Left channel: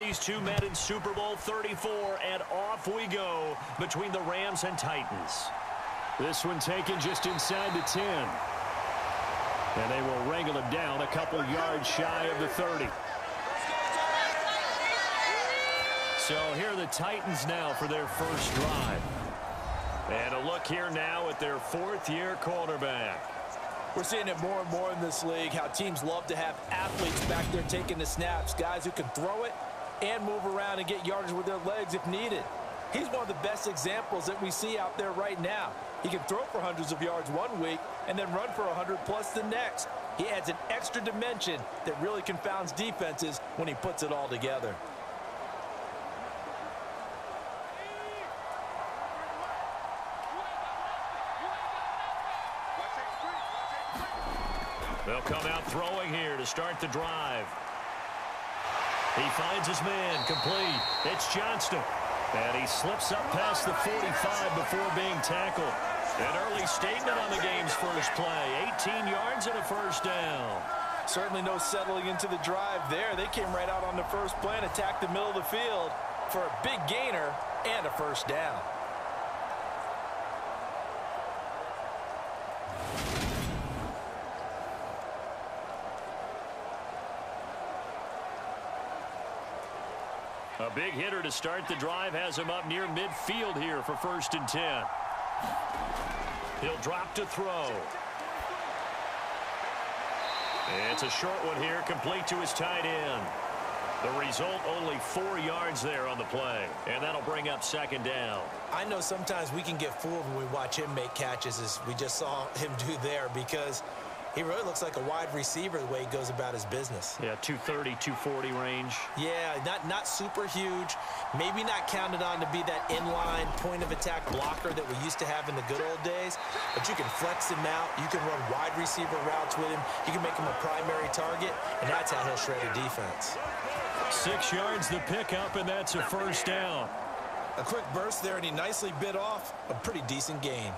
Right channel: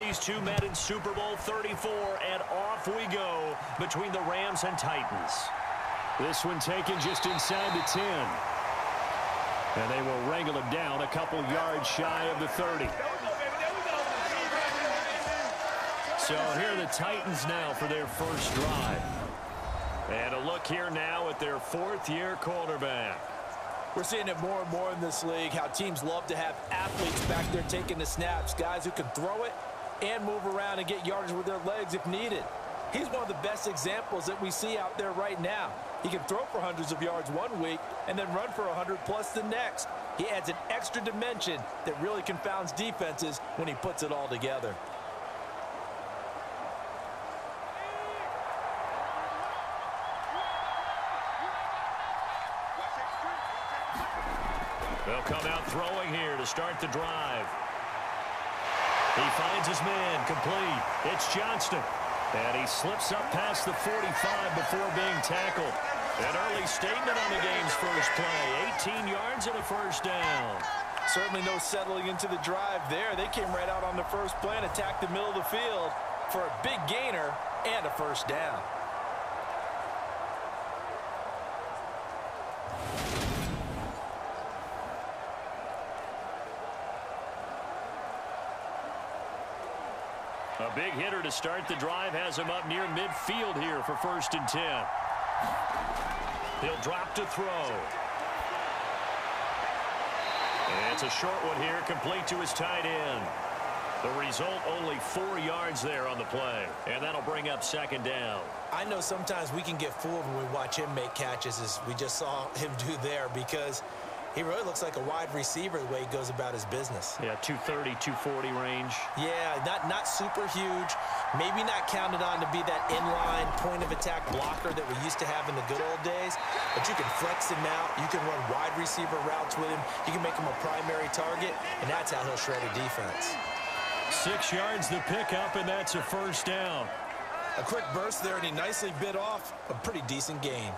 These two met in Super Bowl 34, and off we go between the Rams and Titans. This one taken just inside the 10. And they will wrangle him down a couple yards shy of the 30. So here are the Titans now for their first drive. And a look here now at their fourth-year quarterback. We're seeing it more and more in this league, how teams love to have athletes back there taking the snaps, guys who can throw it and move around and get yardage with their legs if needed. He's one of the best examples that we see out there right now. He can throw for hundreds of yards one week and then run for 100+ the next. He adds an extra dimension that really confounds defenses when he puts it all together. They'll come out throwing here to start the drive. He finds his man, complete. It's Johnston. And he slips up past the 45 before being tackled. An early statement on the game's first play. 18 yards and a first down. Certainly no settling into the drive there. They came right out on the first play and attacked the middle of the field for a big gainer and a first down. A big hitter to start the drive has him up near midfield here for 1st and 10. He'll drop to throw. It's a short one here, complete to his tight end. The result, only 4 yards there on the play, and that'll bring up 2nd down. I know sometimes we can get fooled when we watch him make catches, as we just saw him do there, because he really looks like a wide receiver the way he goes about his business. Yeah, 230, 240 range. Yeah, not super huge. Maybe not counted on to be that inline point-of-attack blocker that we used to have in the good old days. But you can flex him out. You can run wide receiver routes with him. You can make him a primary target, and that's how he'll shred a defense. 6 yards the pickup, and that's a first down. A quick burst there, and he nicely bit off a pretty decent gain.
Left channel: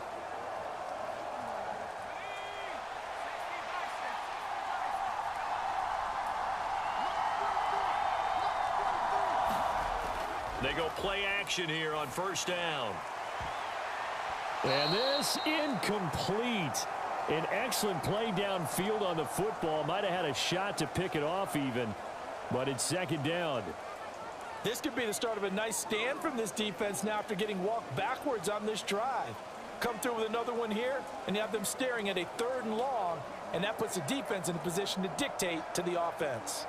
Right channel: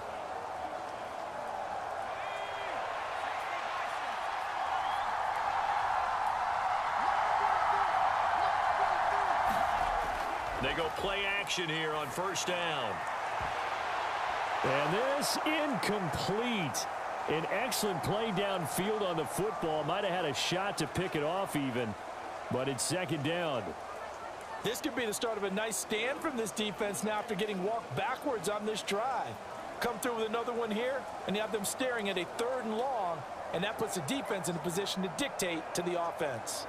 They go play action here on 1st down. And this incomplete. An excellent play downfield on the football. Might have had a shot to pick it off even, but it's 2nd down. This could be the start of a nice stand from this defense now after getting walked backwards on this drive. Come through with another one here, and you have them staring at a 3rd and long, and that puts the defense in a position to dictate to the offense.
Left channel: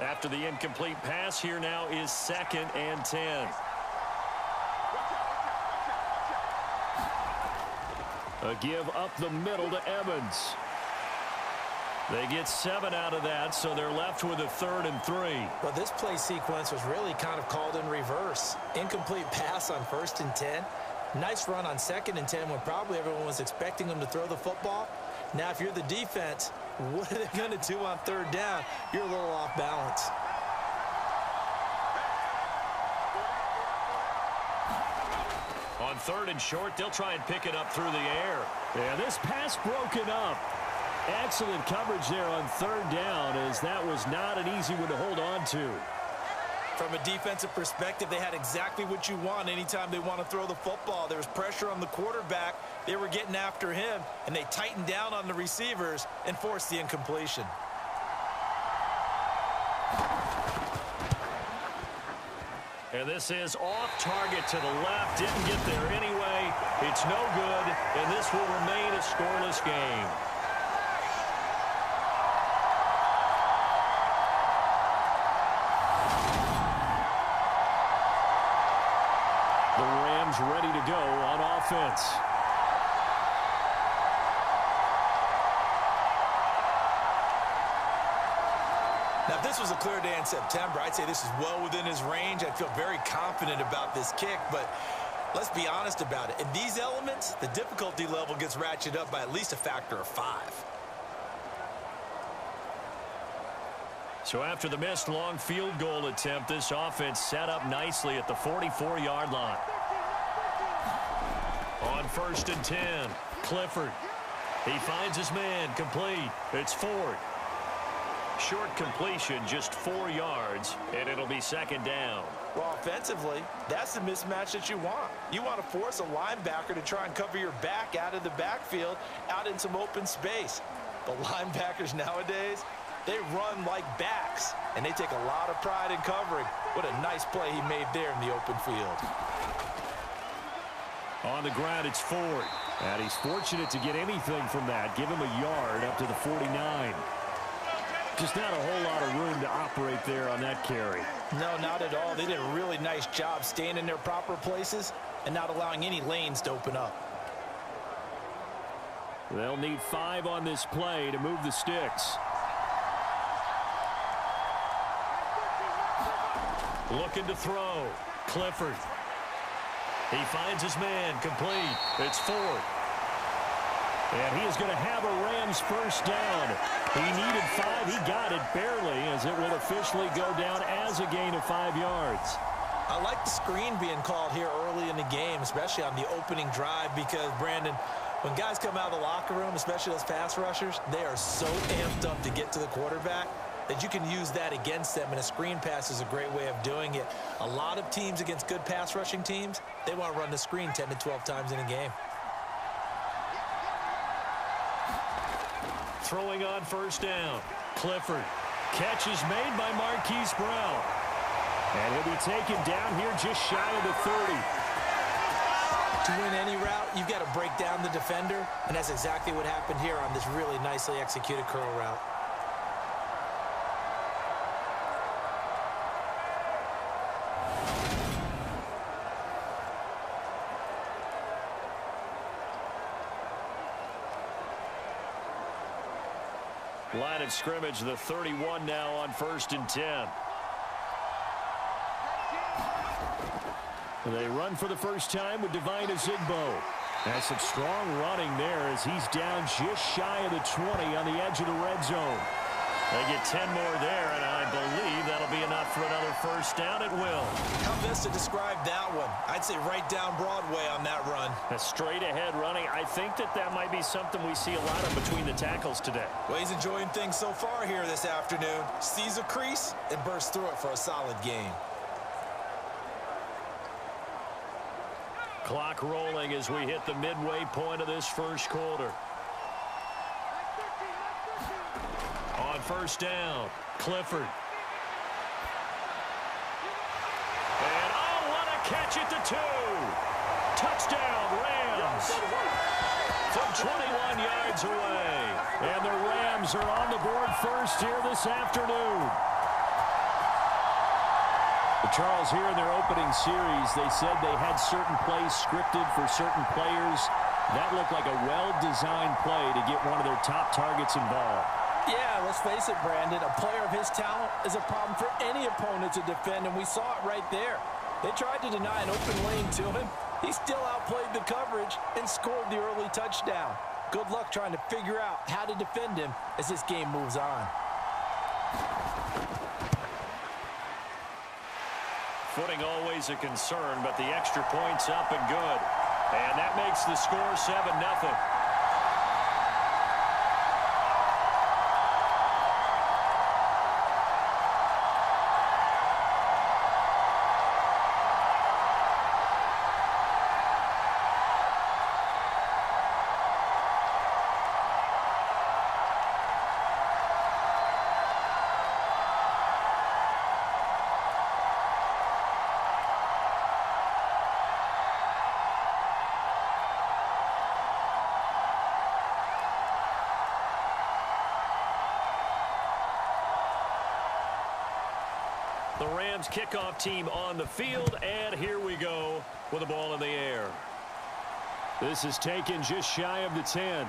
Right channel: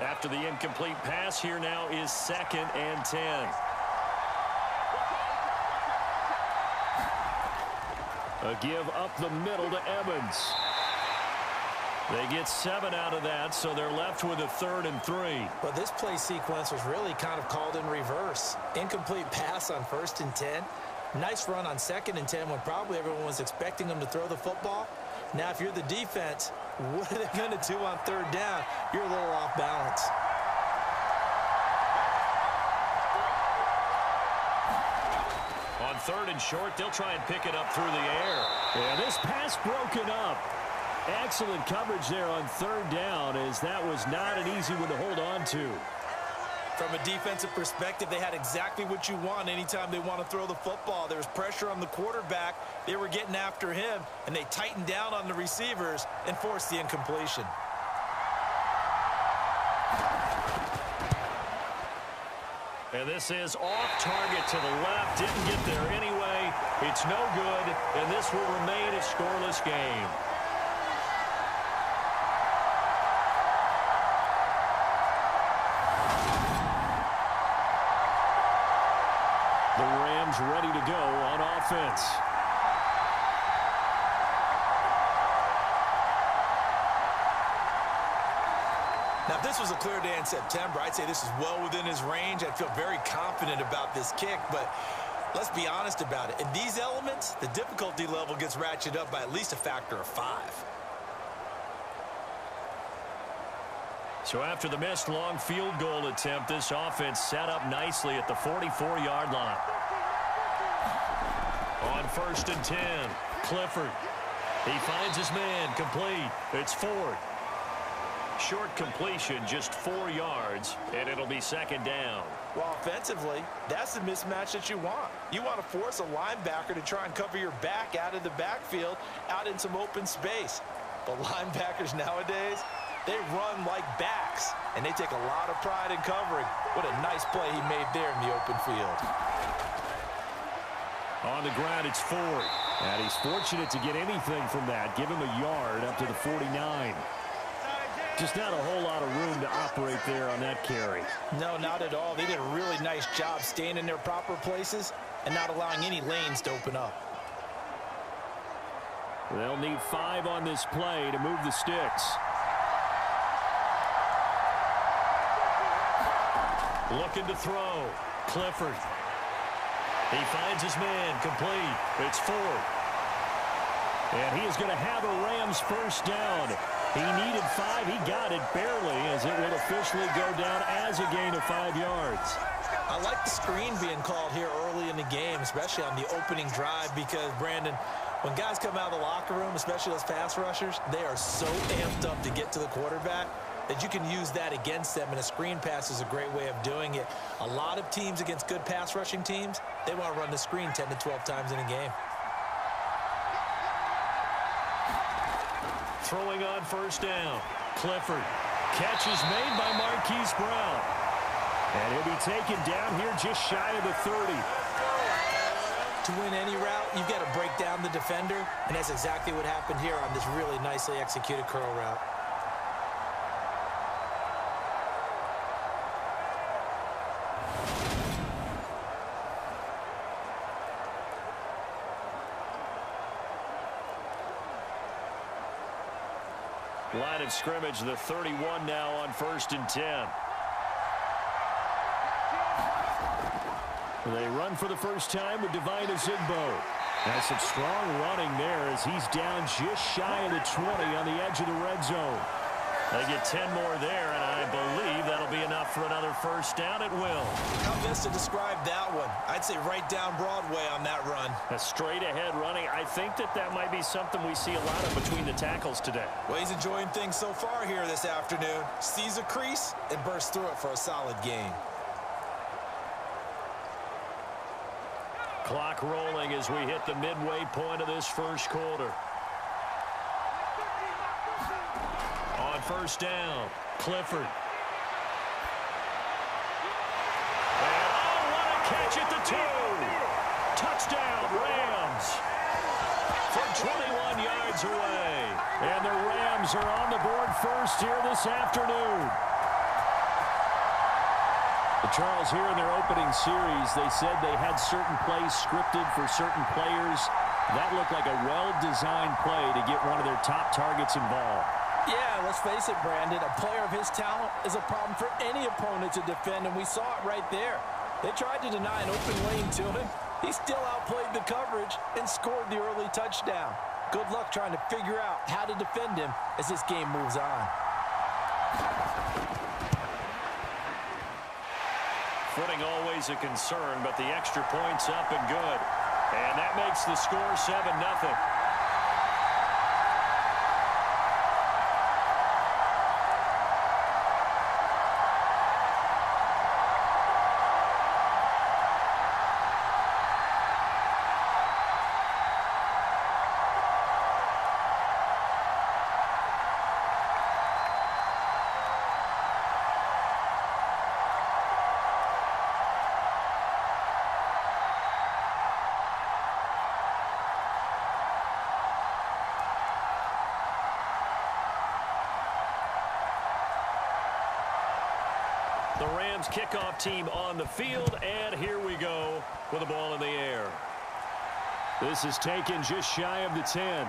After the incomplete pass, here now is 2nd and 10. A give up the middle to Evans. They get 7 out of that, so they're left with a 3rd and 3. But this play sequence was really kind of called in reverse. Incomplete pass on 1st and 10. Nice run on 2nd and 10 when probably everyone was expecting them to throw the football. Now, if you're the defense, what are they going to do on 3rd down? You're a little off balance. On 3rd and short, they'll try and pick it up through the air. Yeah, this pass broken up. Excellent coverage there on 3rd down, as that was not an easy one to hold on to. From a defensive perspective, they had exactly what you want anytime they want to throw the football. There was pressure on the quarterback. They were getting after him, and they tightened down on the receivers and forced the incompletion. And this is off target to the left. Didn't get there anyway. It's no good, and this will remain a scoreless game. The Rams ready to go on offense. Now, if this was a clear day in September, I'd say this is well within his range. I'd feel very confident about this kick, but let's be honest about it. In these elements, the difficulty level gets ratcheted up by at least a factor of 5. So after the missed long field goal attempt, this offense set up nicely at the 44-yard line. On 1st and 10, Clifford. He finds his man, complete. It's Ford. Short completion, just 4 yards, and it'll be second down. Well, offensively, that's the mismatch that you want. You want to force a linebacker to try and cover your back out of the backfield, out in some open space. But linebackers nowadays, they run like backs, and they take a lot of pride in covering. What a nice play he made there in the open field. On the ground, it's Ford. And he's fortunate to get anything from that. Give him a yard up to the 49. Just not a whole lot of room to operate there on that carry. No, not at all. They did a really nice job staying in their proper places and not allowing any lanes to open up. They'll need 5 on this play to move the sticks. Looking to throw. Clifford. He finds his man, complete. It's Ford. And he is going to have a Rams first down. He needed 5. He got it barely, as it will officially go down as a gain of 5 yards. I like the screen being called here early in the game, especially on the opening drive, because, Brandon, when guys come out of the locker room, especially those pass rushers, they are so amped up to get to the quarterback that you can use that against them, and a screen pass is a great way of doing it. A lot of teams against good pass rushing teams, they want to run the screen 10 to 12 times in a game. Throwing on first down. Clifford. Catch is made by Marquise Brown. And he'll be taken down here just shy of the 30. To win any route, you've got to break down the defender, and that's exactly what happened here on this really nicely executed curl route. Line of scrimmage, the 31 now on 1st and 10. They run for the first time with Devine Ezigbo. That's some strong running there as he's down just shy of the 20 on the edge of the red zone. They get 10 more there, and I believe that'll be enough for another first down. It will. How best to describe that one? I'd say right down Broadway on that run. A straight-ahead running. I think that might be something we see a lot of between the tackles today. Well, he's enjoying things so far here this afternoon. Sees a crease and bursts through it for a solid gain. Clock rolling as we hit the midway point of this first quarter. On first down, Clifford. And oh, what a catch at the 2. Touchdown, Rams. From 21 yards away. And the Rams are on the board first here this afternoon. Charles, here in their opening series, they said they had certain plays scripted for certain players. That looked like a well-designed play to get one of their top targets involved. Yeah, let's face it, Brandon. A player of his talent is a problem for any opponent to defend, and we saw it right there. They tried to deny an open lane to him. He still outplayed the coverage and scored the early touchdown. Good luck trying to figure out how to defend him as this game moves on. Footing always a concern, but the extra point's up and good. And that makes the score 7-0. The Rams kickoff team on the field, and here we go with the ball in the air. This is taken just shy of the 10.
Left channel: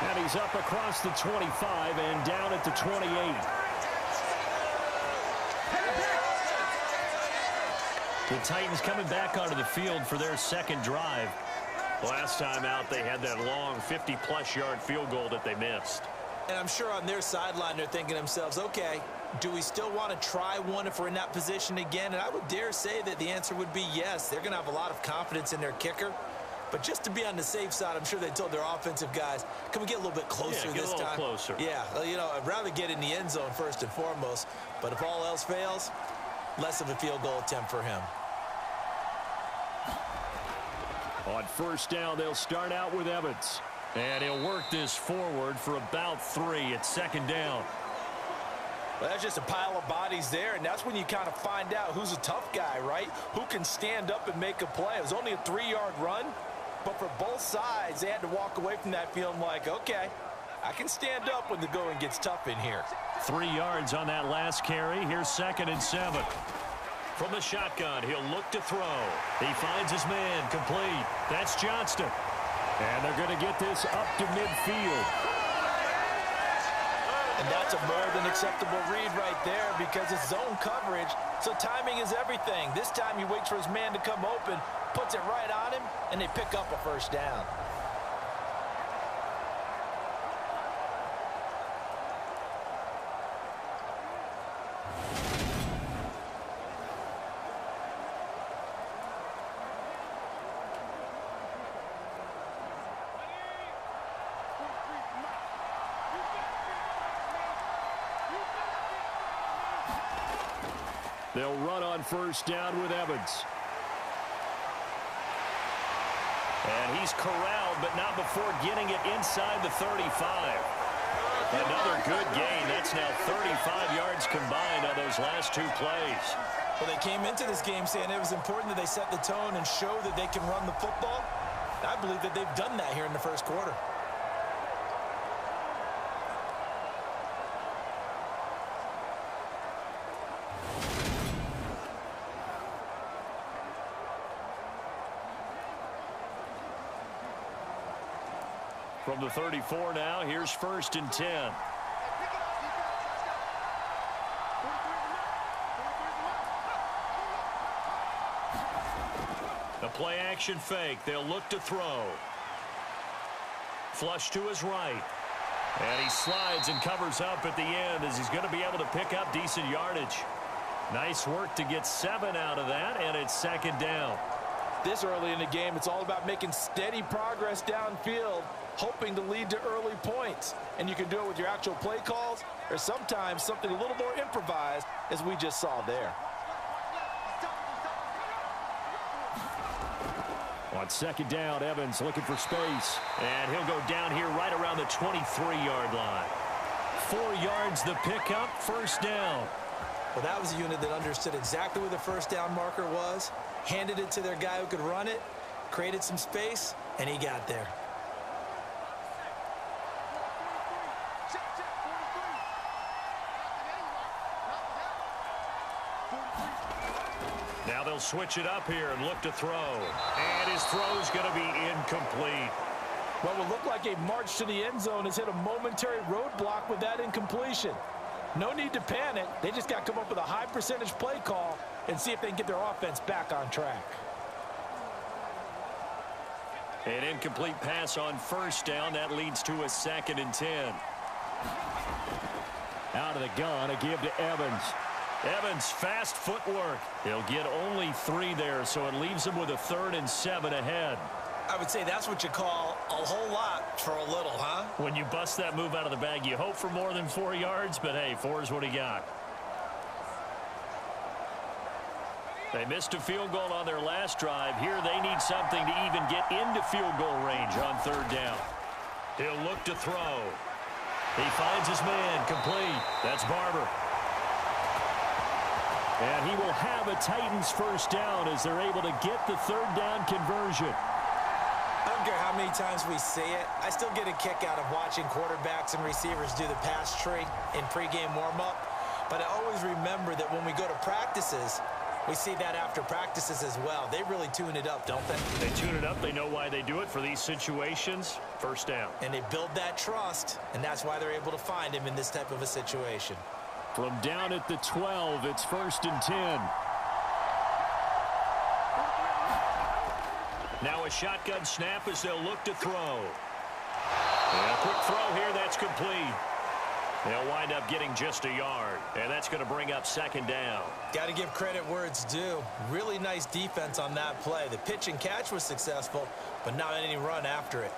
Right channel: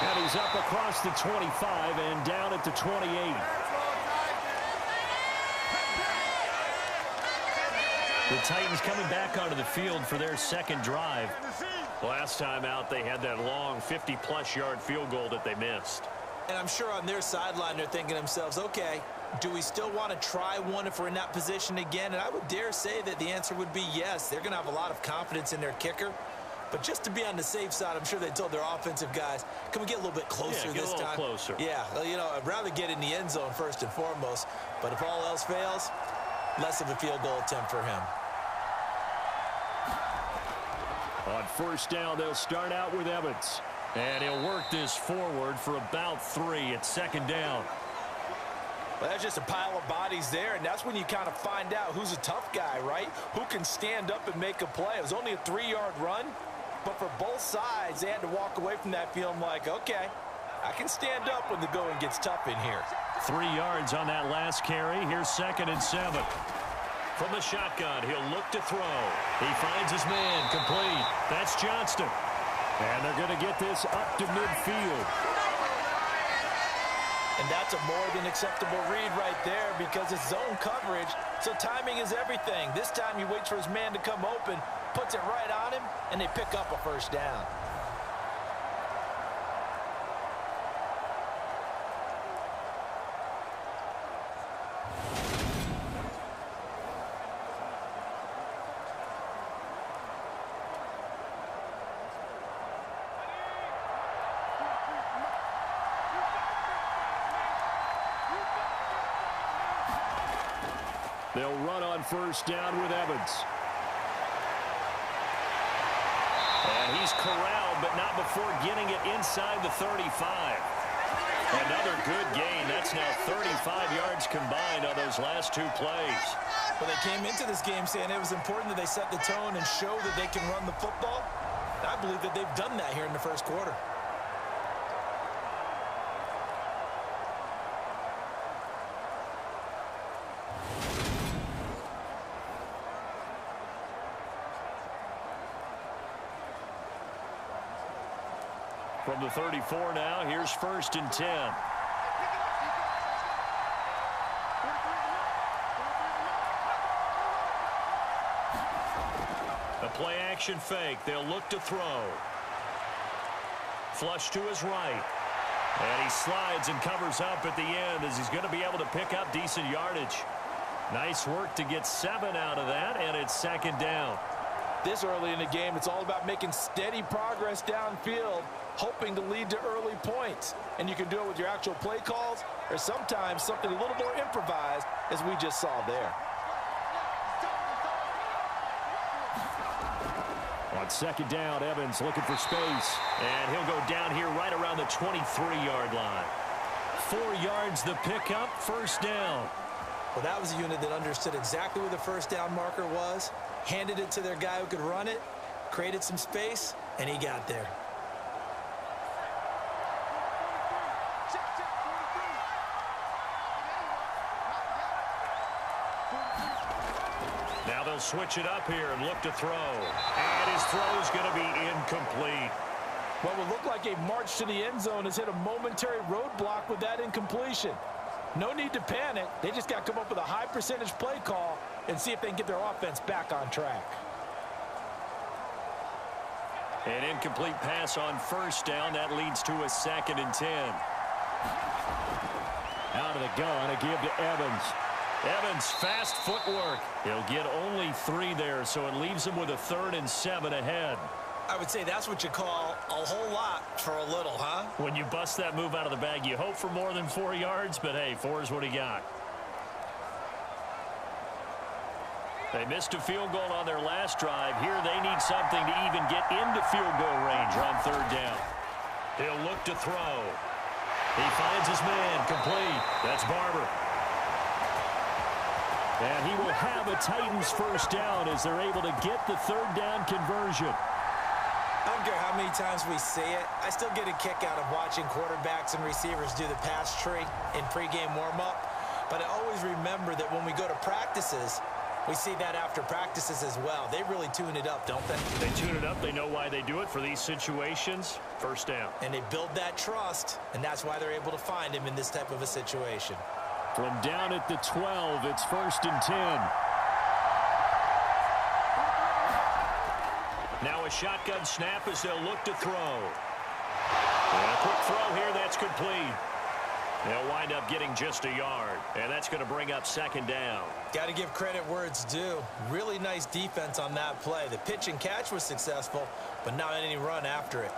And he's up across the 25 and down at the 28. The Titans coming back onto the field for their second drive. Last time out, they had that long 50-plus yard field goal that they missed. And I'm sure on their sideline they're thinking to themselves, okay, do we still want to try one if we're in that position again? And I would dare say that the answer would be yes. They're going to have a lot of confidence in their kicker. But just to be on the safe side, I'm sure they told their offensive guys, can we get a little bit closer this time? Yeah, get a little closer. Yeah, you know, I'd rather get in the end zone first and foremost. But if all else fails, less of a field goal attempt for him. On first down, they'll start out with Evans. And he'll work this forward for about 3 at second down. Well, that's just a pile of bodies there, and that's when you kind of find out who's a tough guy, right? Who can stand up and make a play. It was only a 3-yard run, but for both sides, they had to walk away from that feeling like, okay, I can stand up when the going gets tough in here. 3 yards on that last carry. Here's 2nd and 7. From the shotgun, he'll look to throw. He finds his man, complete. That's Johnston. And they're going to get this up to midfield. And that's a more than acceptable read right there because it's zone coverage, so timing is everything. This time he waits for his man to come open, puts it right on him, and they pick up a first down. They'll run on first down with Evans. And he's corralled, but not before getting it inside the 35. Another good gain. That's now 35 yards combined on those last 2 plays. Well, they came into this game saying it was important that they set the tone and show that they can run the football. I believe that they've done that here in the first quarter. From the 34 now, here's 1st and 10. A play action fake. They'll look to throw. Flush to his right. And he slides and covers up at the end as he's going to be able to pick up decent yardage. Nice work to get 7 out of that, and it's 2nd down. This early in the game, it's all about making steady progress downfield, hoping to lead to early points. And you can do it with your actual play calls or sometimes something a little more improvised, as we just saw there. On 2nd down, Evans looking for space. And he'll go down here right around the 23-yard line. 4 yards the pickup, 1st down. Well, that was a unit that understood exactly where the first down marker was, handed it to their guy who could run it, created some space, and he got there. Now they'll switch it up here and look to throw. And his throw's going to be incomplete. What will look like a march to the end zone has hit a momentary roadblock with that incompletion. No need to panic. They just got to come up with a high percentage play call and see if they can get their offense back on track. An incomplete pass on 1st down. That leads to a 2nd and 10. Out of the gun, a give to Evans. Evans, fast footwork. He'll get only 3 there, so it leaves him with a 3rd and 7 ahead. I would say that's what you call a whole lot for a little, huh? When you bust that move out of the bag, you hope for more than 4 yards, but hey, 4 is what he got. They missed a field goal on their last drive. Here they need something to even get into field goal range on 3rd down. He'll look to throw. He finds his man, complete. That's Barber. And he will have a Titans 1st down as they're able to get the 3rd down conversion. I don't care how many times we say it, I still get a kick out of watching quarterbacks and receivers do the pass tree in pregame warm-up. But I always remember that when we go to practices, we see that after practices as well. They really tune it up, don't they? They tune it up. They know why they do it for these situations. 1st down. And they build that trust, and that's why they're able to find him in this type of a situation. From down at the 12, it's 1st and 10. Now a shotgun snap as they'll look to throw. And a quick throw here, that's complete. They'll wind up getting just a yard, and that's going to bring up second down. Got to give credit where it's due. Really nice defense on that play. The pitch and catch was successful, but not any run after it.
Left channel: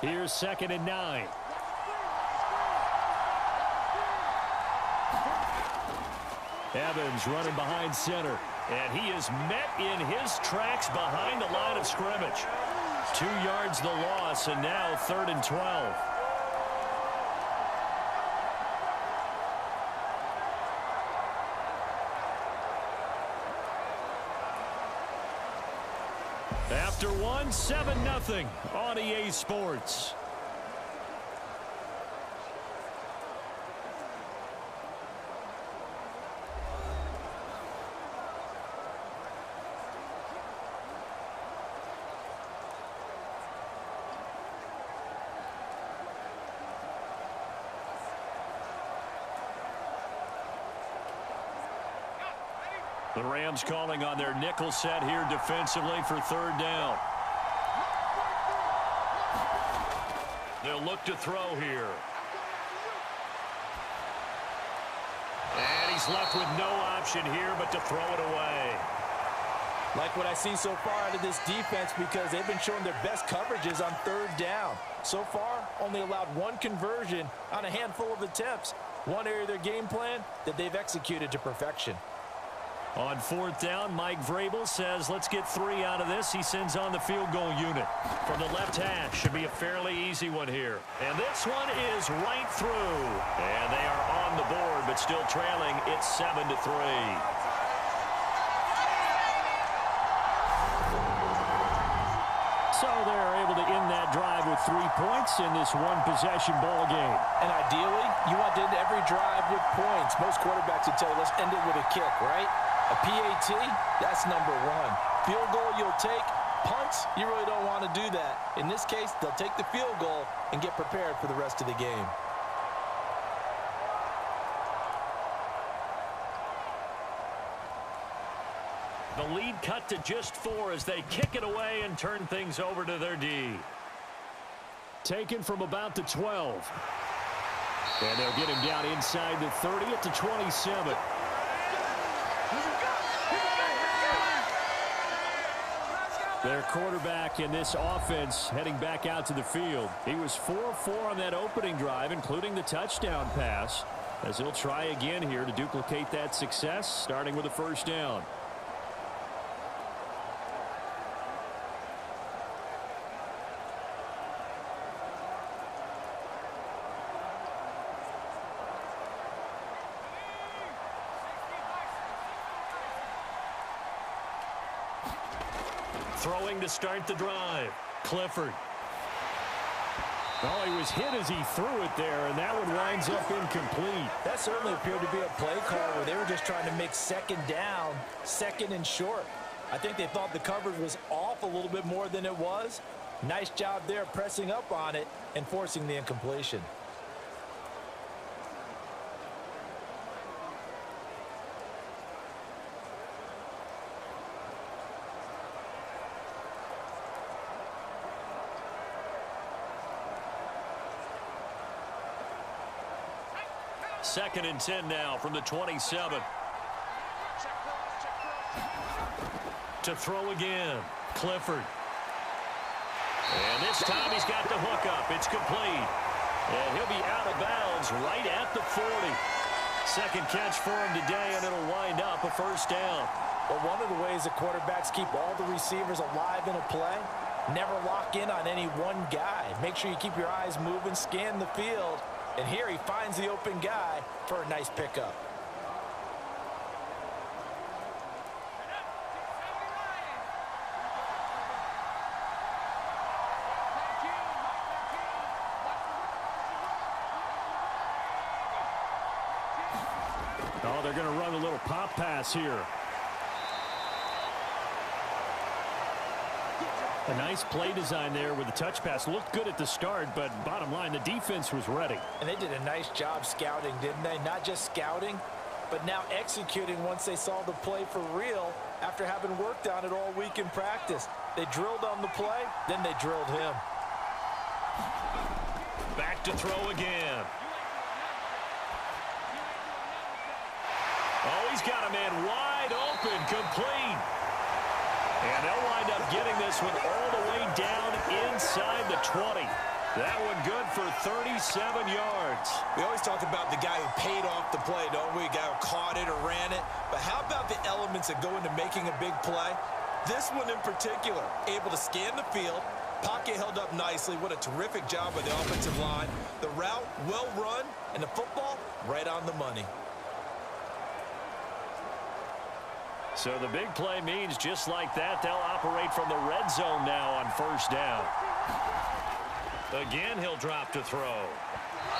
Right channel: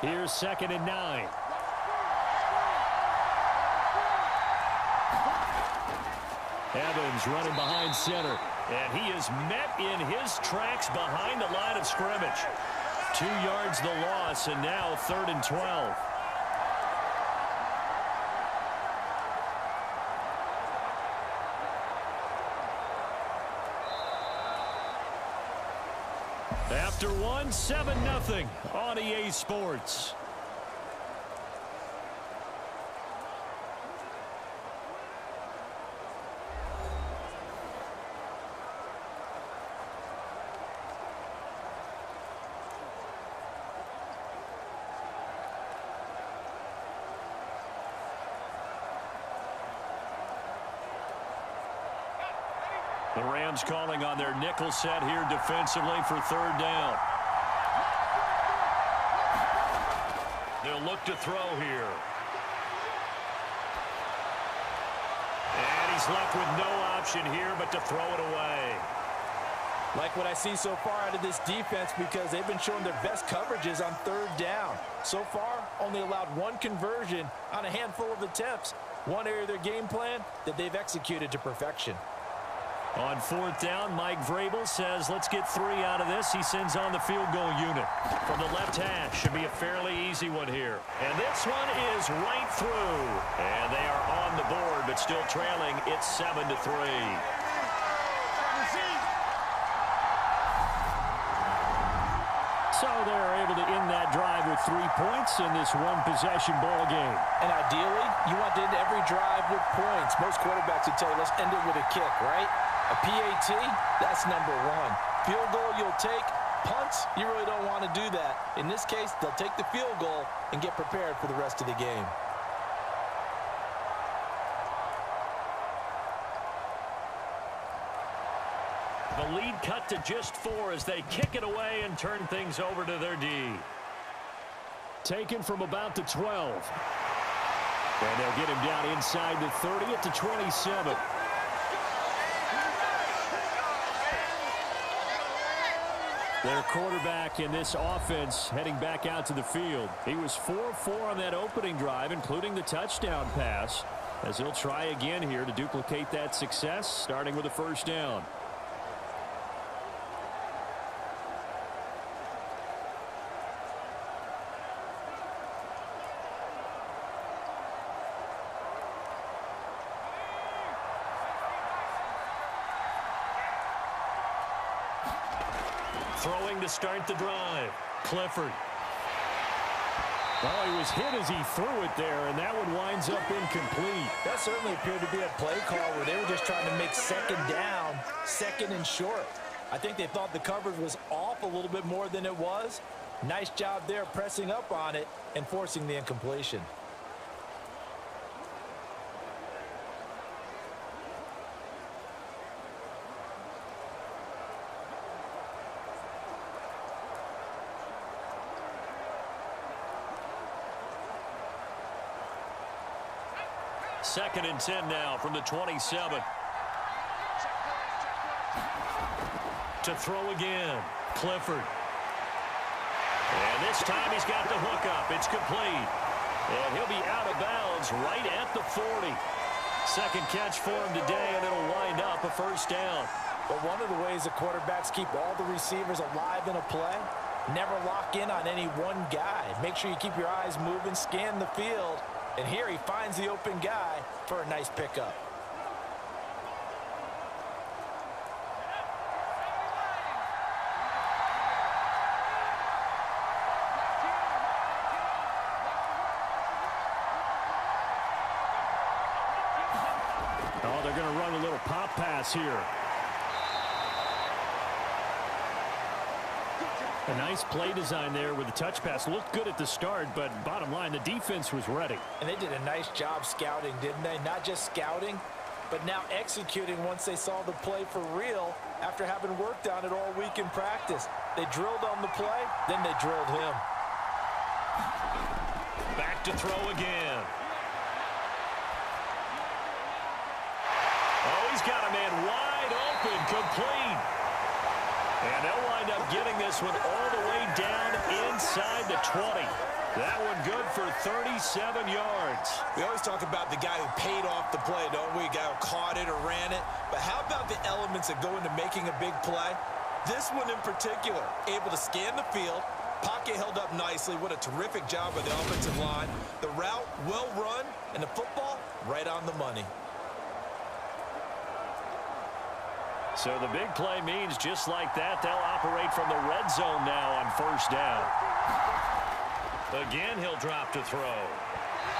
Here's 2nd and 9. Evans running behind center. And he is met in his tracks behind the line of scrimmage. 2 yards the loss, and now 3rd and 12. After one, 7-0 on EA Sports. The Rams calling on their nickel set here defensively for 3rd down. They'll look to throw here. And he's left with no option here but to throw it away. Like what I see so far out of this defense, because they've been showing their best coverages on 3rd down. So far, only allowed 1 conversion on a handful of attempts. One area of their game plan that they've executed to perfection. On 4th down, Mike Vrabel says, let's get 3 out of this. He sends on the field goal unit. From the left hash, should be a fairly easy one here. And this one is right through. And they are on the board, but still trailing. It's 7-3. So they're able to end that drive with 3 points in this one-possession ball game. And ideally, you want to end every drive with points. Most quarterbacks would tell you, let's end it with a kick, right? A PAT, that's number 1. Field goal you'll take. Punts, you really don't want to do that. In this case, they'll take the field goal and get prepared for the rest of the game. The lead cut to just 4 as they kick it away and turn things over to their D. Taken from about the 12. And they'll get him down inside the 30 at the 27. Their quarterback in this offense heading back out to the field. He was 4-4 on that opening drive, including the touchdown pass, as he'll try again here to duplicate that success, starting with a 1st down. Throwing to start the drive. Clifford. Oh, he was hit as he threw it there, and that one winds up incomplete. That certainly appeared to be a play call where they were just trying to make 2nd down, 2nd and short. I think they thought the coverage was off a little bit more than it was. Nice job there pressing up on it and forcing the incompletion. Second and 10 now from the 27. To throw again. Clifford. And this time he's got the hook up. It's complete. And he'll be out of bounds right at the 40. Second catch for him today, and it'll wind up a 1st down. But one of the ways the quarterbacks keep all the receivers alive in a play, never lock in on any one guy. Make sure you keep your eyes moving, scan the field. And here he finds the open guy for a nice pickup. Oh, they're going to run a little pop pass here. A nice play design there with the touch pass. Looked good at the start, but bottom line, the defense was ready. And they did a nice job scouting, didn't they? Not just scouting, but now executing once they saw the play for real after having worked on it all week in practice. They drilled on the play, then they drilled him. Back to throw again. Oh, he's got a man wide open, complete. And they'll wind up getting this one all the way down inside the 20. That one good for 37 yards. We always talk about the guy who paid off the play, don't we? A guy who caught it or ran it. But how about the elements that go into making a big play? This one in particular, able to scan the field, pocket held up nicely. What a terrific job by the offensive line. The route, well run, and the football, right on the money. So the big play means just like that, they'll operate from the red zone now on first down. Again, he'll drop to throw.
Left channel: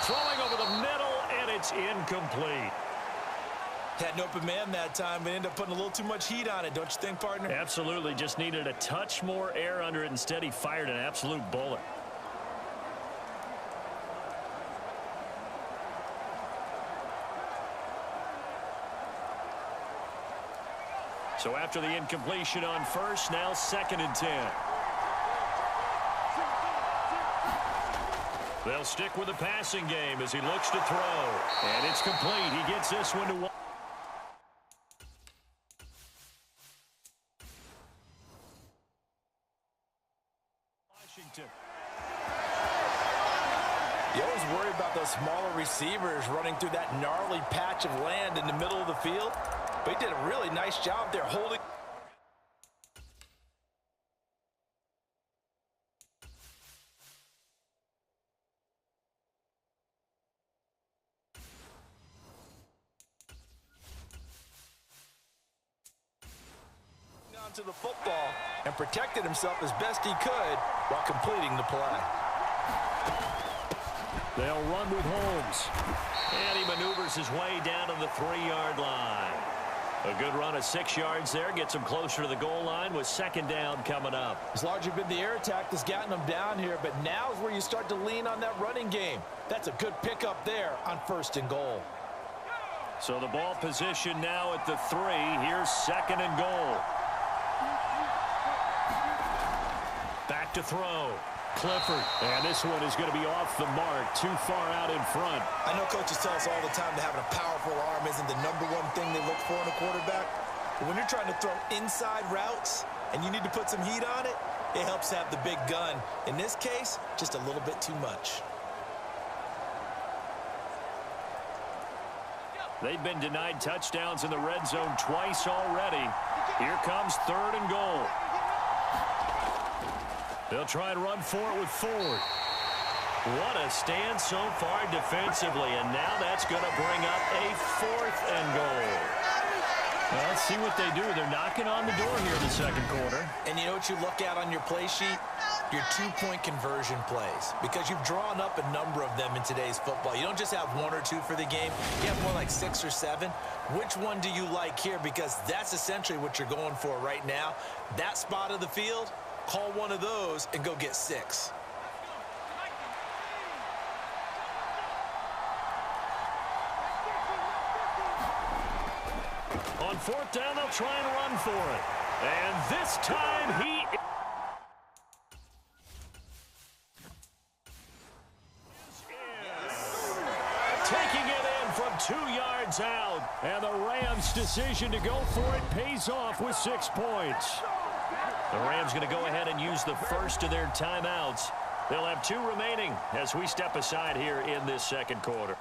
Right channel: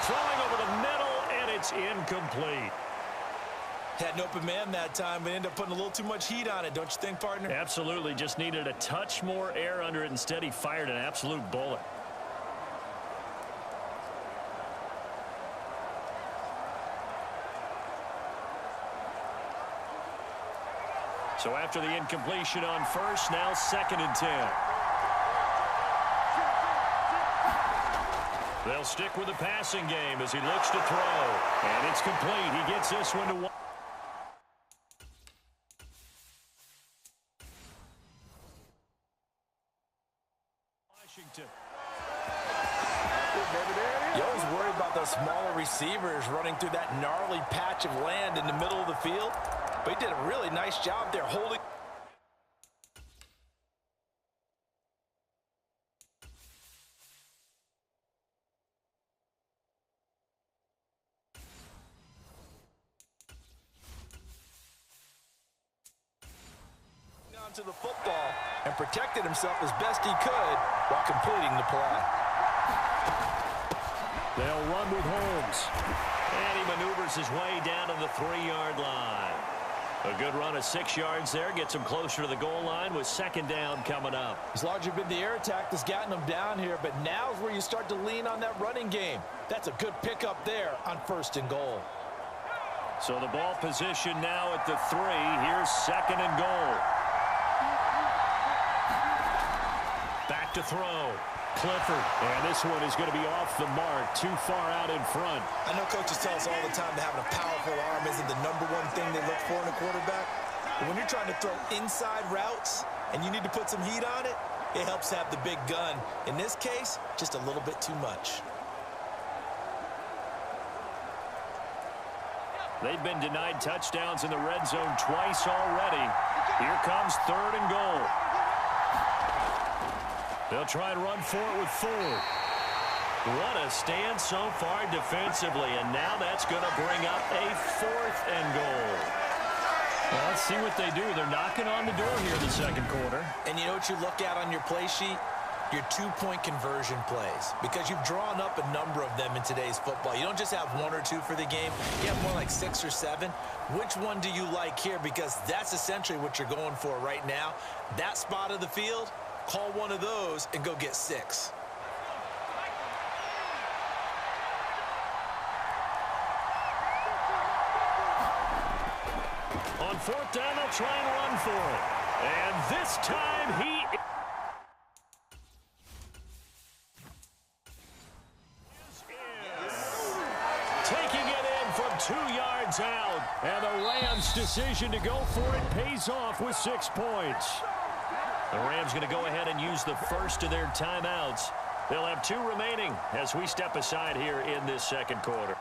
Throwing over the middle, and it's incomplete. Had an open man that time, but ended up putting a little too much heat on it, don't you think, partner? Absolutely. Just needed a touch more air under it. Instead, he fired an absolute bullet. So after the incompletion on first, now 2nd and 10. They'll stick with the passing game as he looks to throw. And it's complete. He gets this one to one. Washington. You always worry about those smaller receivers running through that gnarly patch of land in the middle of the field. But he did a really nice job there holding. Onto the football and protected himself as best he could while completing the play. They'll run with Holmes. And he maneuvers his way down to the 3-yard line. A good run of 6 yards there. Gets him closer to the goal line with 2nd down coming up. It's largely been the air attack that's gotten them down here, but now is where you start to lean on that running game. That's a good pickup there on 1st and goal. So the ball position now at the 3. Here's 2nd and goal. Back to throw. Clifford. And this one is going to be off the mark. Too far out in front. I know coaches tell us all the time that having a powerful arm isn't the #1 thing they look for in a quarterback. But when you're trying to throw inside routes and you need to put some heat on it, it helps have the big gun. In this case, just a little bit too much. They've been denied touchdowns in the red zone twice already. Here comes 3rd and goal. They'll try and run for it with Ford. What a stand so far defensively, and now that's going to bring up a 4th and goal. Well, let's see what they do. They're knocking on the door here in the 2nd quarter. And you know what you look at on your play sheet? Your 2-point conversion plays, because you've drawn up a number of them in today's football. You don't just have 1 or 2 for the game. You have more like 6 or 7. Which one do you like here? Because that's essentially what you're going for right now. That spot of the field, call one of those and go get 6. On 4th down, they'll try and run for it. And this time he is in. Taking it in from 2 yards out. And the Rams' decision to go for it pays off with 6 points. The Rams going to go ahead and use the first of their timeouts. They'll have 2 remaining as we step aside here in this 2nd quarter.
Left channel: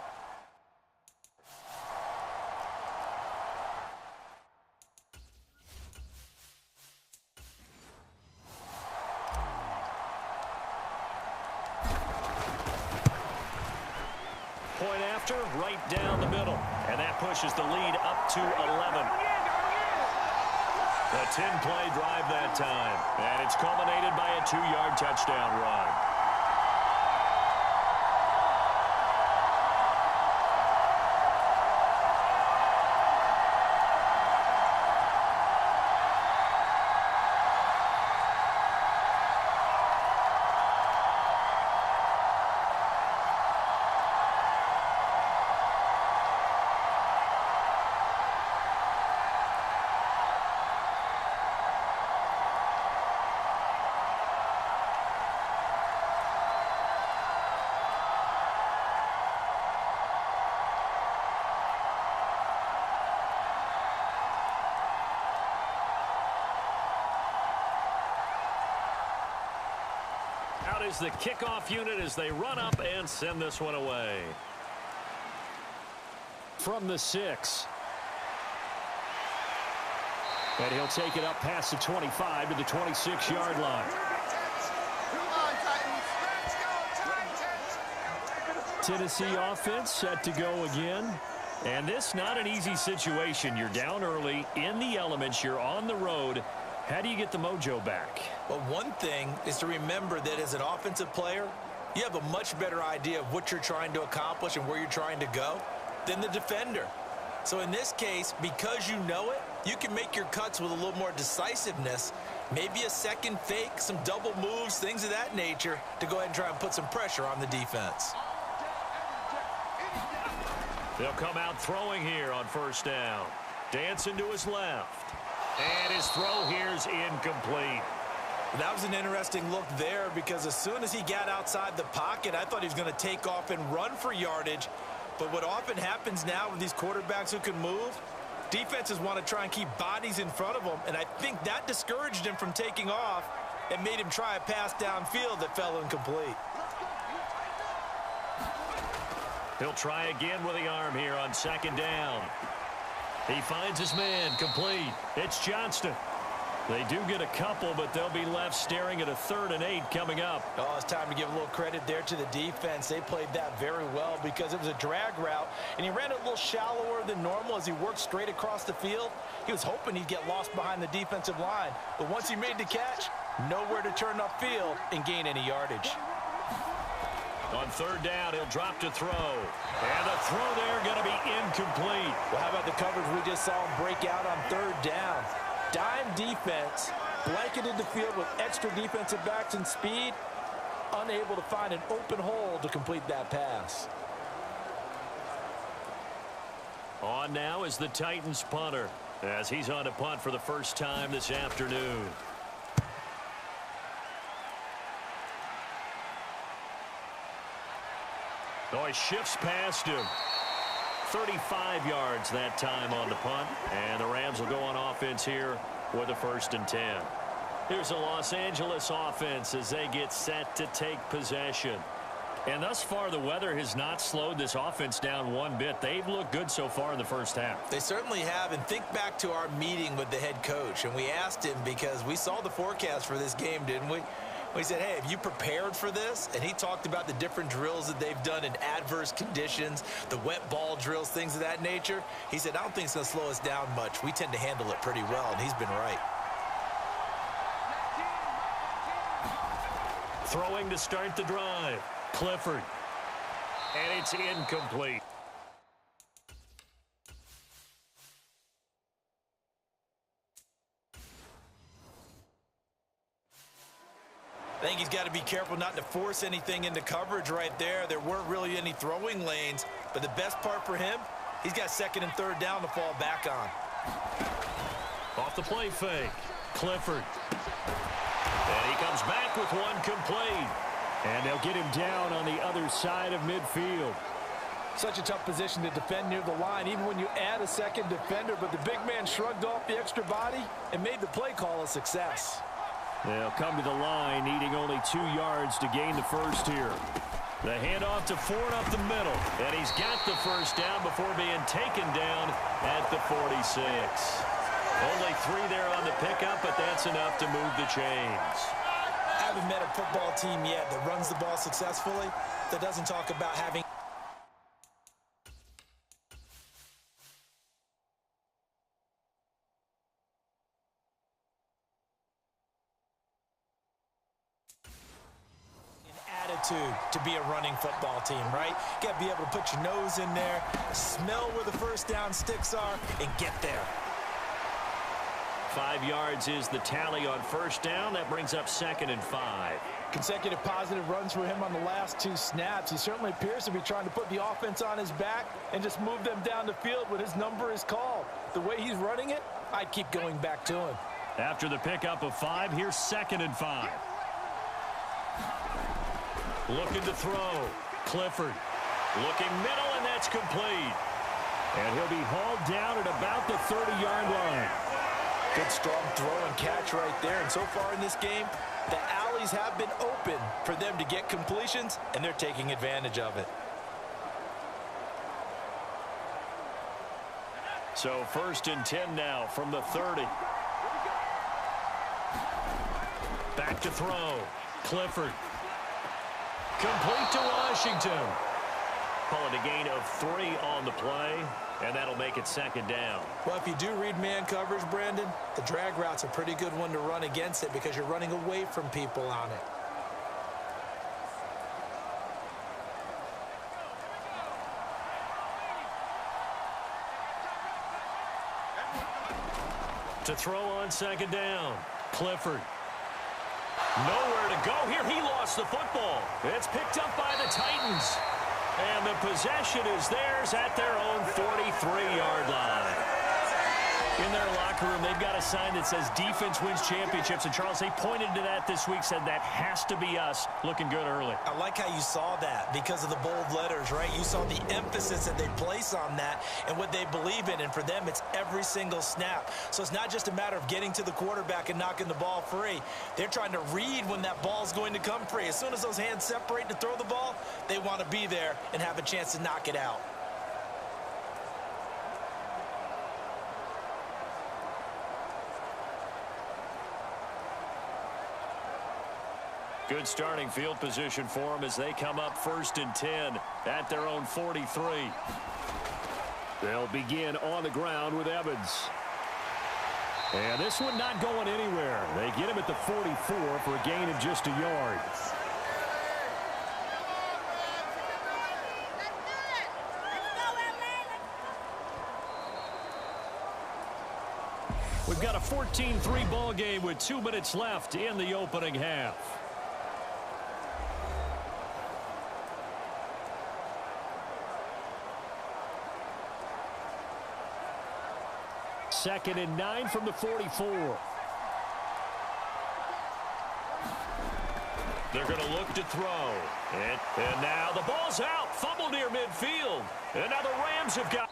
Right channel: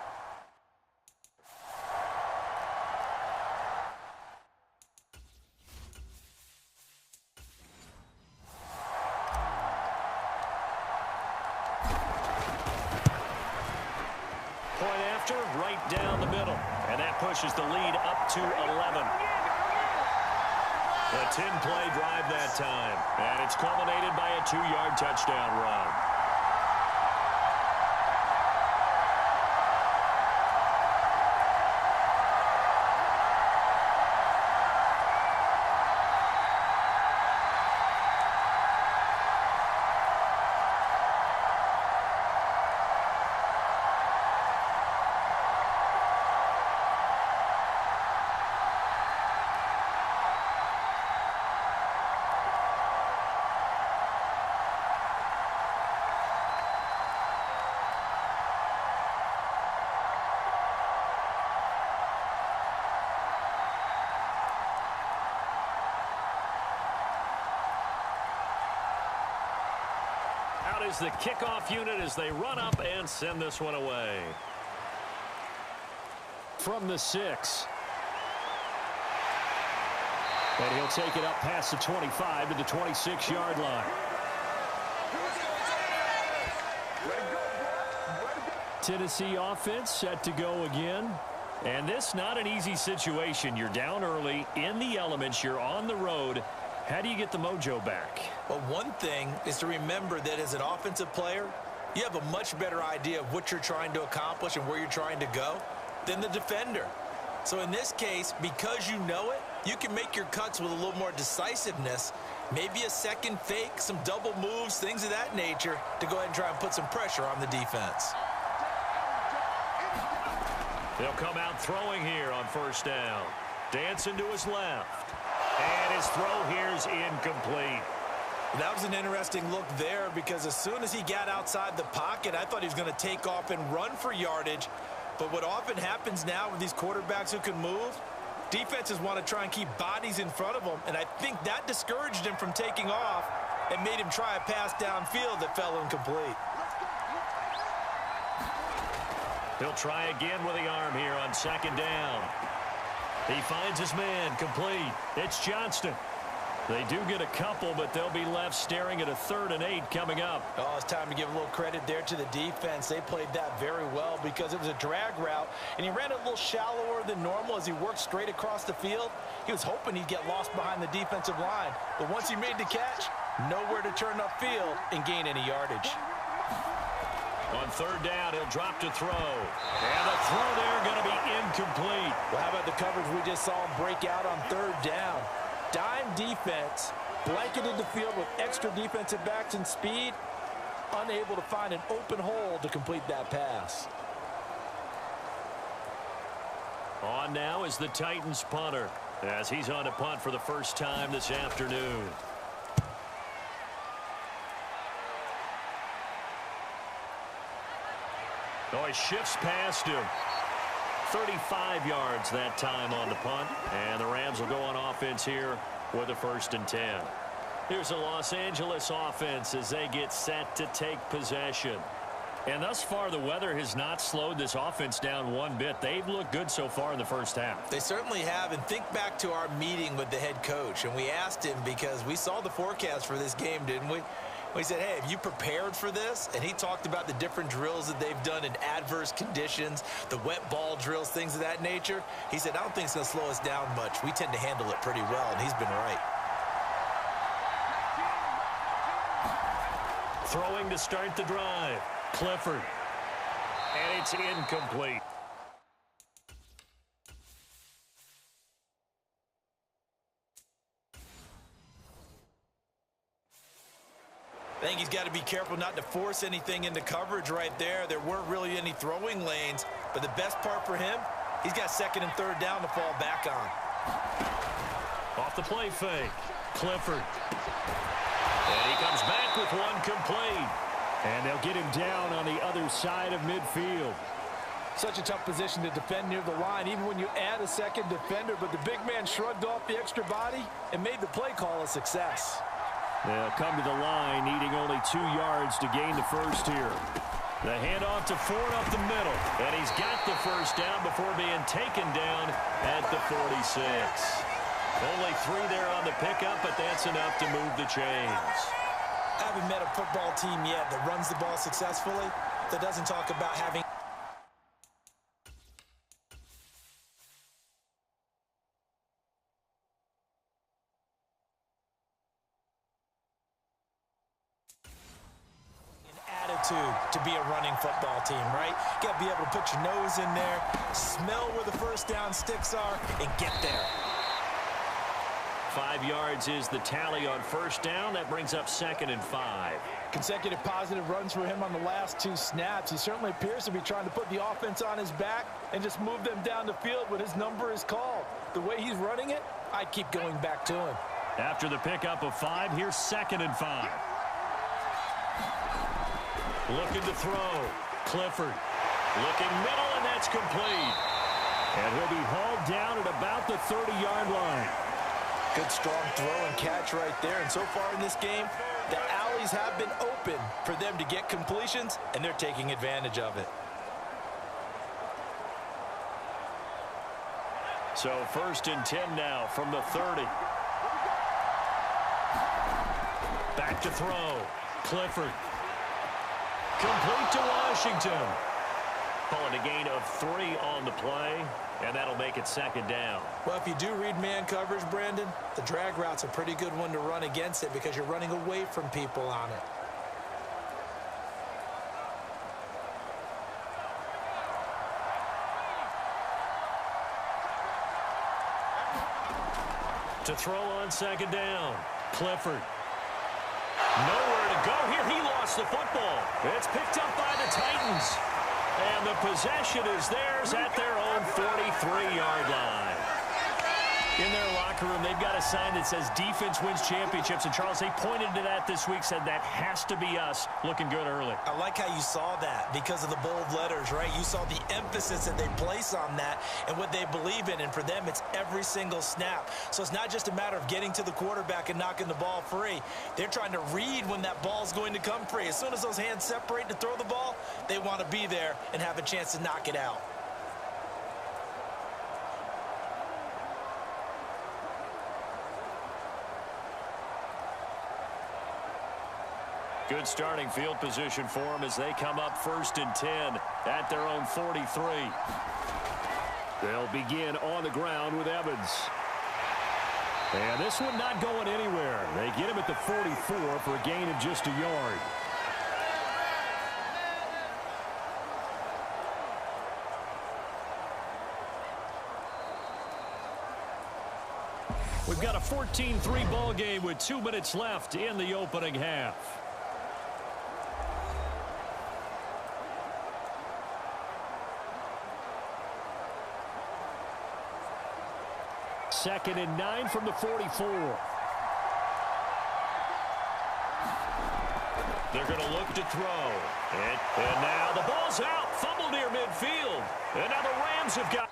Point after, right down the middle. And that pushes the lead up to 11. A 10-play drive that time. And it's culminated by a 2-yard touchdown run. Out is the kickoff unit as they run up and send this one away. From the 6. And he'll take it up past the 25 to the 26-yard line. Tennessee offense set to go again. And this not an easy situation. You're down early, in the elements, you're on the road. How do you get the mojo back? Well, one thing is to remember that as an offensive player, you have a much better idea of what you're trying to accomplish and where you're trying to go than the defender. So in this case, because you know it, you can make your cuts with a little more decisiveness, maybe a second fake, some double moves, things of that nature, to go ahead and try and put some pressure on the defense. They'll come out throwing here on first down. Dancing to his left. And his throw here is incomplete. That was an interesting look there because as soon as he got outside the pocket, I thought he was going to take off and run for yardage. But what often happens now with these quarterbacks who can move, defenses want to try and keep bodies in front of them, and I think that discouraged him from taking off and made him try a pass downfield that fell incomplete. He'll try again with the arm here on second down. He finds his man complete. It's Johnston. They do get a couple, but they'll be left staring at a 3rd and 8 coming up. Oh, it's time to give a little credit there to the defense. They played that very well because it was a drag route, and he ran it a little shallower than normal as he worked straight across the field. He was hoping he'd get lost behind the defensive line, but once he made the catch, nowhere to turn upfield and gain any yardage. On 3rd down, he'll drop to throw. And the throw there going to be incomplete. Well, how about the coverage we just saw him break out on 3rd down? Dime defense, blanketed the field with extra defensive backs and speed, unable to find an open hole to complete that pass. On now is the Titans punter as he's on to punt for the first time this afternoon. Oh, he shifts past him. 35 yards that time on the punt. And the Rams will go on offense here with a 1st and 10. Here's the Los Angeles offense as they get set to take possession. And thus far, the weather has not slowed this offense down one bit. They've looked good so far in the first half. They certainly have. And think back to our meeting with the head coach. And we asked him because we saw the forecast for this game, didn't we? We said, hey, have you prepared for this? And he talked about the different drills that they've done in adverse conditions, the wet ball drills, things of that nature. He said, I don't think it's going to slow us down much. We tend to handle it pretty well, and he's been right. Throwing to start the drive. Clifford. And it's incomplete. I think he's got to be careful not to force anything into coverage right there. There weren't really any throwing lanes, but the best part for him, he's got 2nd and 3rd down to fall back on. Off the play fake. Clifford. And he comes back with one complete. And they'll get him down on the other side of midfield. Such a tough position to defend near the line, even when you add a second defender, but the big man shrugged off the extra body and made the play call a success. They'll come to the line, needing only 2 yards to gain the first here. The handoff to Ford up the middle. And he's got the first down before being taken down at the 46. Only 3 there on the pickup, but that's enough to move the chains. I haven't met a football team yet that runs the ball successfully that doesn't talk about having attitude to be a running football team, right? You got to be able to put your nose in there, smell where the first down sticks are, and get there. 5 yards is the tally on first down. That brings up 2nd and 5. Consecutive positive runs for him on the last 2 snaps. He certainly appears to be trying to put the offense on his back and just move them down the field when his number is called. The way he's running it, I'd keep going back to him. After the pickup of 5, here's 2nd and 5. Looking to throw. Clifford. Looking middle, and that's complete. And he'll be hauled down at about the 30-yard line. Good strong throw and catch right there. And so far in this game, the alleys opportunities have been open for them to get completions, and they're taking advantage of it. So 1st and 10 now from the 30. Back to throw. Clifford. Complete to Washington. Call it a gain of 3 on the play, and that'll make it 2nd down. Well, if you do read man coverage, Brandon, the drag route's a pretty good one to run against it because you're running away from people on it. To throw on 2nd down. Clifford. Nowhere to go here. He lost the football. It's picked up by the Titans. And the possession is theirs at their own 43-yard line. In their locker room, they've got a sign that says defense wins championships. And, Charles, they pointed to that this week, said that has to be us, looking good early. I like how you saw that because of the bold letters, right? You saw the emphasis that they place on that and what they believe in. And for them, it's every single snap. So it's not just a matter of getting to the quarterback and knocking the ball free. They're trying to read when that ball is going to come free. As soon as those hands separate to throw the ball, they want to be there and have a chance to knock it out. Good starting field position for them as they come up 1st and 10 at their own 43. They'll begin on the ground with Evans. And this one not going anywhere. They get him at the 44 for a gain of just a yard. We've got a 14-3 ball game with 2 minutes left in the opening half. Second and 9 from the 44. They're going to look to throw. And now the ball's out. Fumble near midfield. And now the Rams have got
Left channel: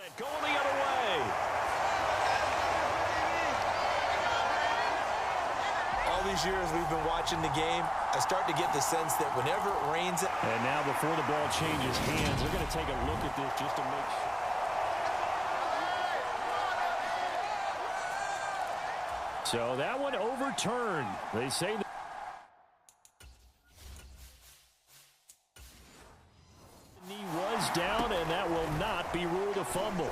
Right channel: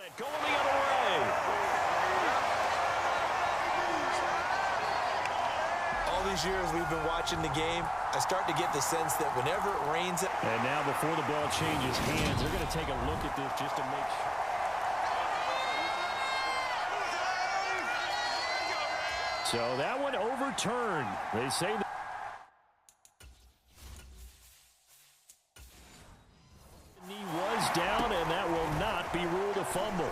it going the other way. All these years we've been watching the game, I start to get the sense that whenever it rains... And now before the ball changes hands, they're going to take a look at this just to make sure. So that one overturned. They say that the knee was down, and that will not be ruled a fumble.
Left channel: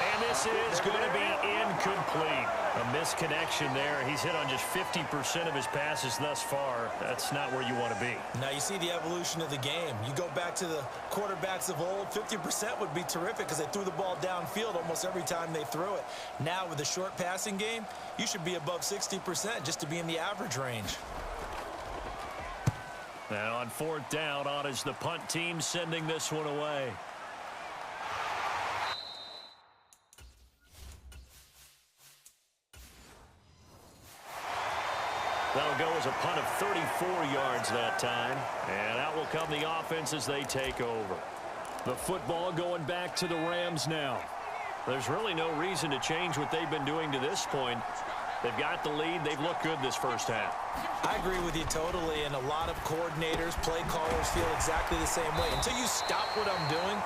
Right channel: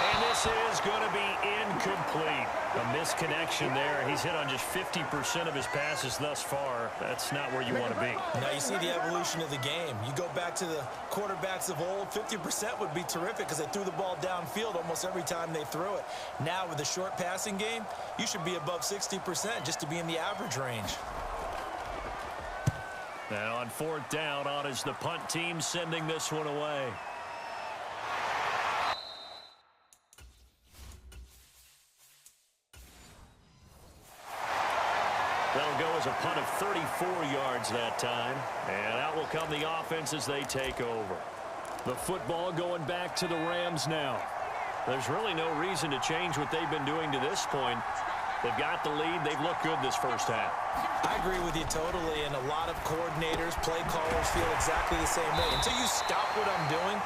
And this is going to be incomplete. A misconnection there. He's hit on just 50% of his passes thus far. That's not where you want to be. Now you see the evolution of the game. You go back to the quarterbacks of old, 50% would be terrific because they threw the ball downfield almost every time they threw it. Now with the short passing game, you should be above 60% just to be in the average range. Now on 4th down, on is the punt team sending this one away. That'll go as a punt of 34 yards that time. And out will come the offense as they take over. The football going back to the Rams now. There's really no reason to change what they've been doing to this point. They've got the lead. They've looked good this first half. I agree with you totally, and a lot of coordinators, play callers feel exactly the same way. Until you stop what I'm doing,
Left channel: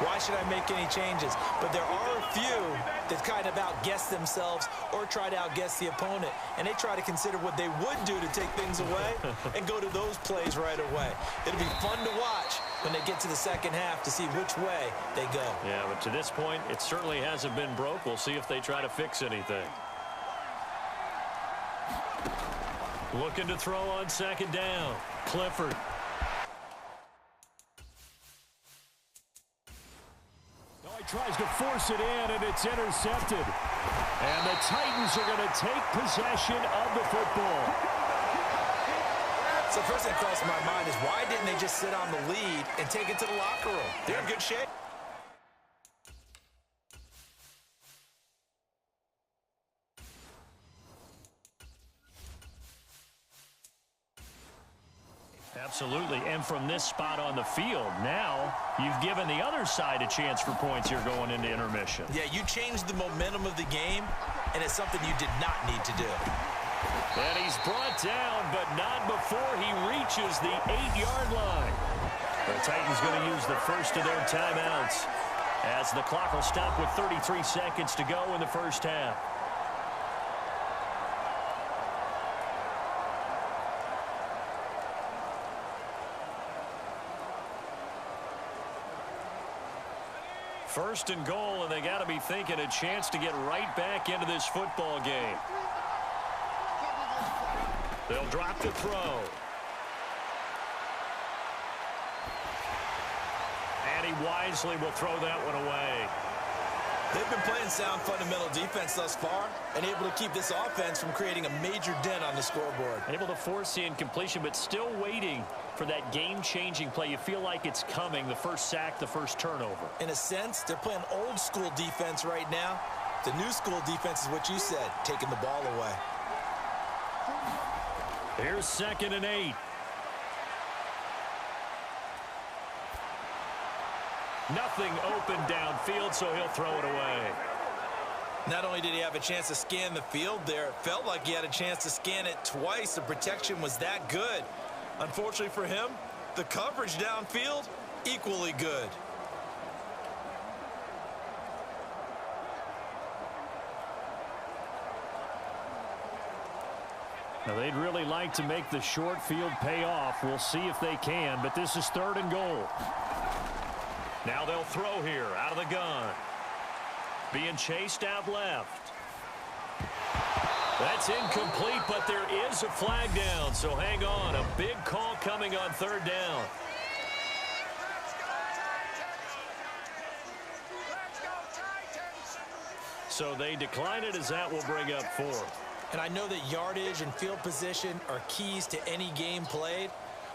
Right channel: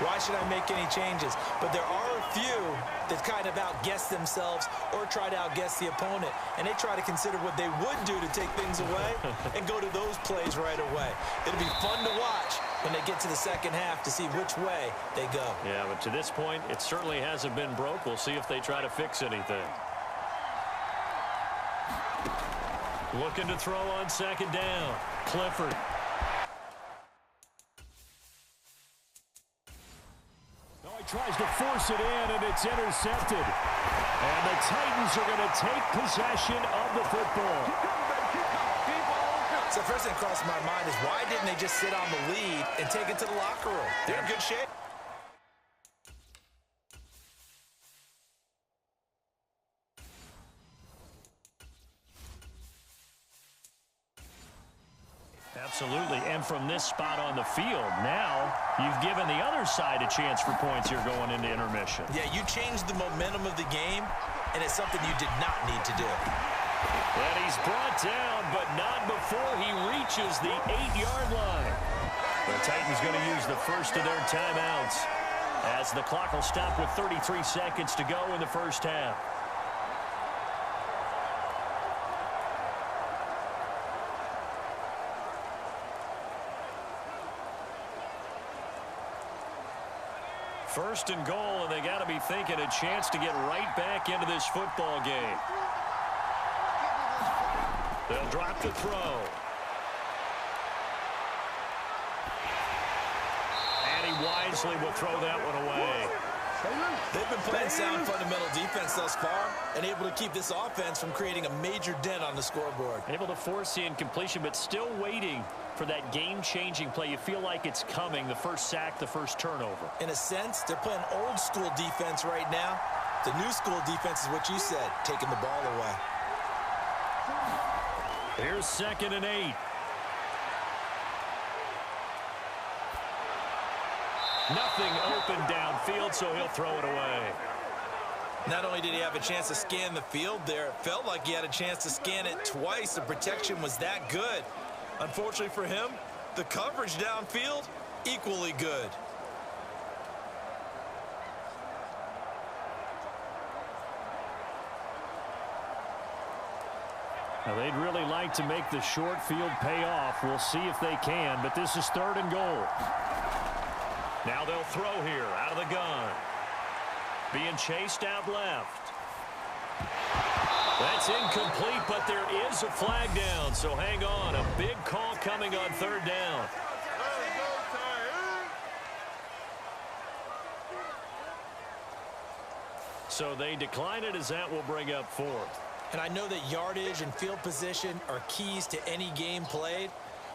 why should I make any changes? But there are a few that kind of outguess themselves or try to outguess the opponent, and they try to consider what they would do to take things away and go to those plays right away. It'll be fun to watch when they get to the second half to see which way they go. Yeah, but to this point, it certainly hasn't been broke. We'll see if they try to fix anything. Looking to throw on 2nd down. Clifford. He tries to force it in, and it's intercepted. And the Titans are going to take possession of the football. So first thing that crossed my mind is why didn't they just sit on the lead and take it to the locker room? They're in good shape. Absolutely, and from this spot on the field, now you've given the other side a chance for points here going into intermission. Yeah, you changed the momentum of the game, and it's something you did not need to do. And he's brought down, but not before he reaches the 8-yard line. The Titans going to use the first of their timeouts as the clock will stop with 33 seconds to go in the first half. First and goal, and they got to be thinking a chance to get right back into this football game. They'll drop the throw. And he wisely will throw that one away. They've been playing sound fundamental defense thus far and able to keep this offense from creating a major dent on the scoreboard. Able to force the incompletion, but still waiting for that game-changing play. You feel like it's coming, the first sack, the first turnover. In a sense, they're playing old-school defense right now. The new-school defense is what you said, taking the ball away. Here's 2nd and 8. Nothing open downfield, so he'll throw it away. Not only did he have a chance to scan the field there, it felt like he had a chance to scan it twice. The protection was that good. Unfortunately for him, the coverage downfield, equally good. Now, they'd really like to make the short field pay off. We'll see if they can, but this is 3rd and goal. Now they'll throw here out of the gun. Being chased out left. That's incomplete, but there is a flag down, so hang on. A big call coming on 3rd down. So they decline it as that will bring up 4th. And I know that yardage and field position are keys to any game played,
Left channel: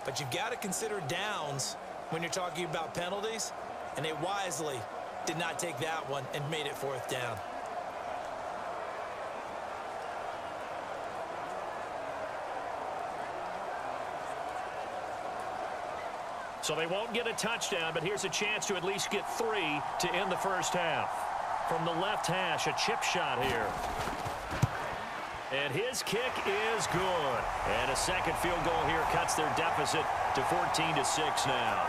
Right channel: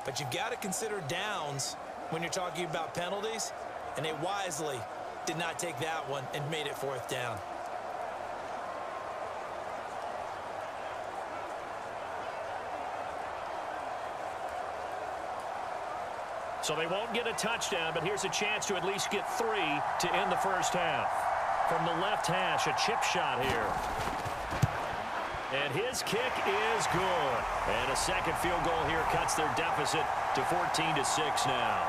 but you've got to consider downs when you're talking about penalties, and they wisely did not take that one and made it 4th down. So they won't get a touchdown, but here's a chance to at least get 3 to end the first half. From the left hash, a chip shot here. And his kick is good. And a second field goal here cuts their deficit to 14-6 now.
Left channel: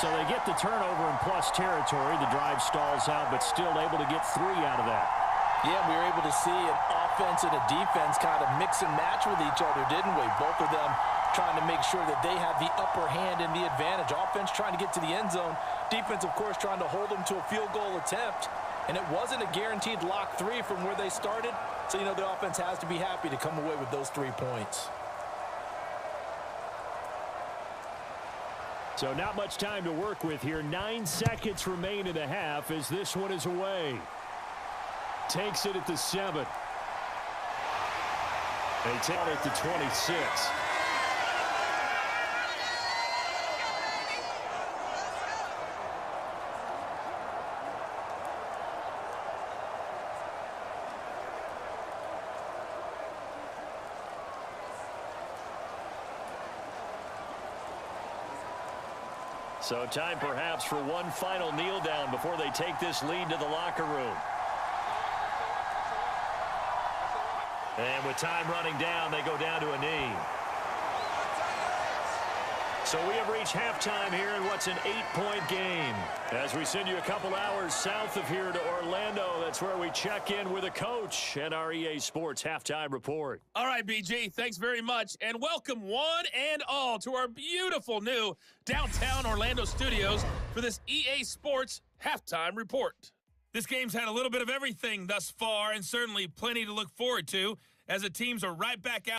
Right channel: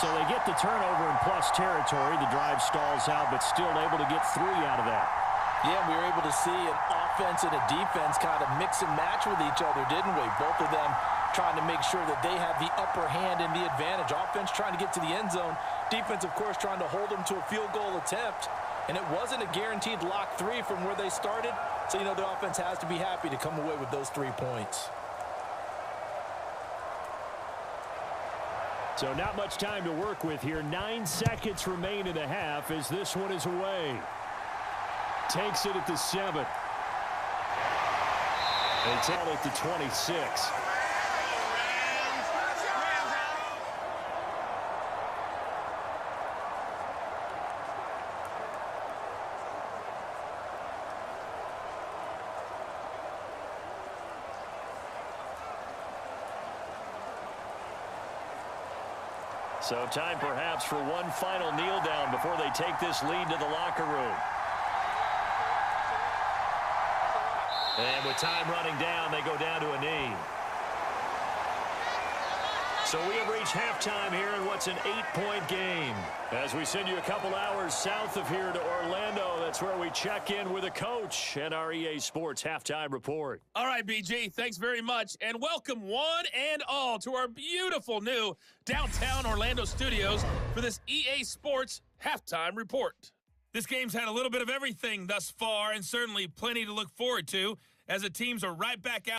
So they get the turnover in plus territory. The drive stalls out, but still able to get 3 out of that. Yeah, we were able to see an offense and a defense kind of mix and match with each other, didn't we? Both of them trying to make sure that they have the upper hand and the advantage. Offense trying to get to the end zone. Defense, of course, trying to hold them to a field goal attempt. And it wasn't a guaranteed lock 3 from where they started. So, you know, the offense has to be happy to come away with those 3 points. So not much time to work with here. 9 seconds remain in the half as this one is away. Takes it at the 7. They take it at the 26. So time perhaps for one final kneel down before they take this lead to the locker room. And with time running down, they go down to a knee. So we have reached halftime here in what's an 8-point game. As we send you a couple hours south of here to Orlando, that's where we check in with a coach and our EA Sports halftime report. All right, BG, thanks very much. And welcome one and all to our beautiful new downtown Orlando studios for this EA Sports halftime report. This game's had a little bit of everything thus far and certainly plenty to look forward to as the teams are right back out.